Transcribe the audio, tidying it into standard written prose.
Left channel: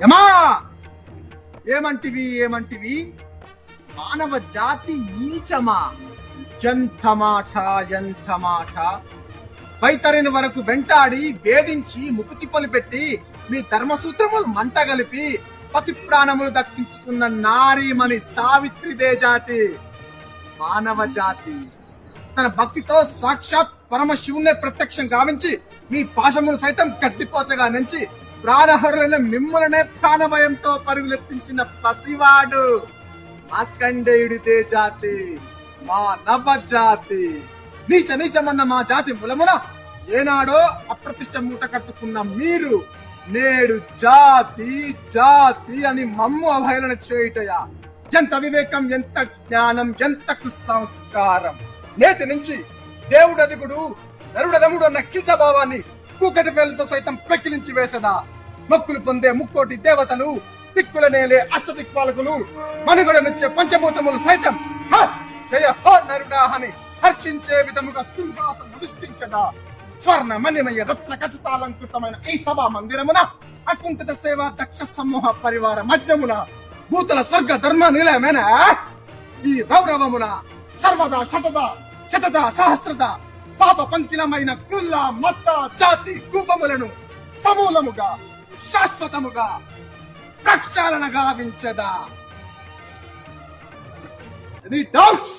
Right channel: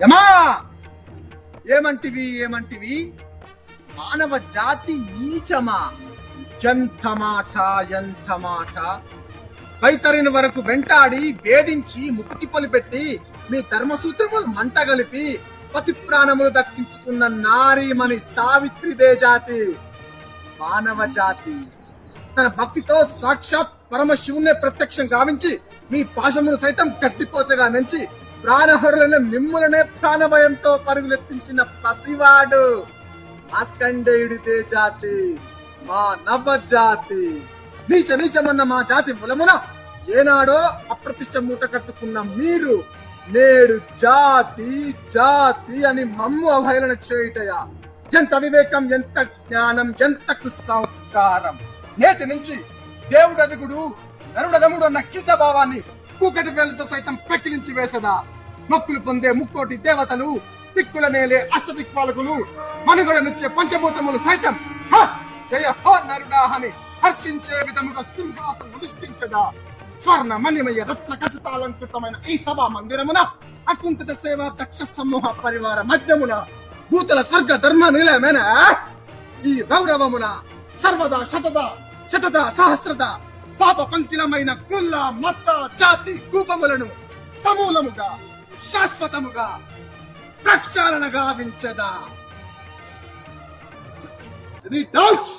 యమా ఏమంటివి మానవ జాతి నీచమా? ఎంత మాట పైతరిన వరకు వెంటాడి వేధించి ముక్తి పెట్టి మీ ధర్మసూత్రములు మంటగలిపి పతి ప్రాణములు దక్కించుకున్న నారీమణి సావిత్రిదే జాతి. మానవ జాతి తన భక్తితో సాక్షాత్ పరమశివునే ప్రత్యక్షం గావించి మీ పాశములు సైతం గడ్డిపోచగా నుంచి ప్రాణహరులను మిమ్ములనే ప్రాణభయంతో పరుగులెత్తించిన పసివాడు మార్కండేయుడిదే జాతి, మా నవ జాతి. నీచమన్న మా జాతి మూలమున ఏనాడో అప్రతిష్ట మూట కట్టుకున్న మీరు నేడు జాతి జాతి అని మమ్ము అవహేళన చేయుటయా? ఎంత వివేకం, ఎంత జ్ఞానం, ఎంత సంస్కారం! నేటి నుంచి దేవుడు అదుగుడు నరుడదముడు అన్న కించభావాన్ని కూకటి వేలతో సైతం పెక్కిలించి వేసదా? మొక్కులు పొందే ముక్కోటి దేవతలు, దిక్కుల నేలే అష్టదిక్పాలకులు, మణిగొడనిచ్చే పంచభూతములు సైతం జయ హో నరుడా అని హర్షించే విధముగా సింహాసనం అధిష్ఠించదా? స్వర్ణ మణిమయ రత్న ఖచ్చితాలంకృతమైన ఈ సభా మందిరమున అకుంఠిత సేవా దక్ష సమూహ పరివార మధ్యమున భూతల స్వర్గ ధర్మ నిలయమైన ఈ గౌరవమున సర్వదా శతద సహస్రద పాప పంకిలమైన కుల మత జాతి కూపములను సమూలముగా శాశ్వతముగా ప్రక్షాళన గావించదా? Any doubts?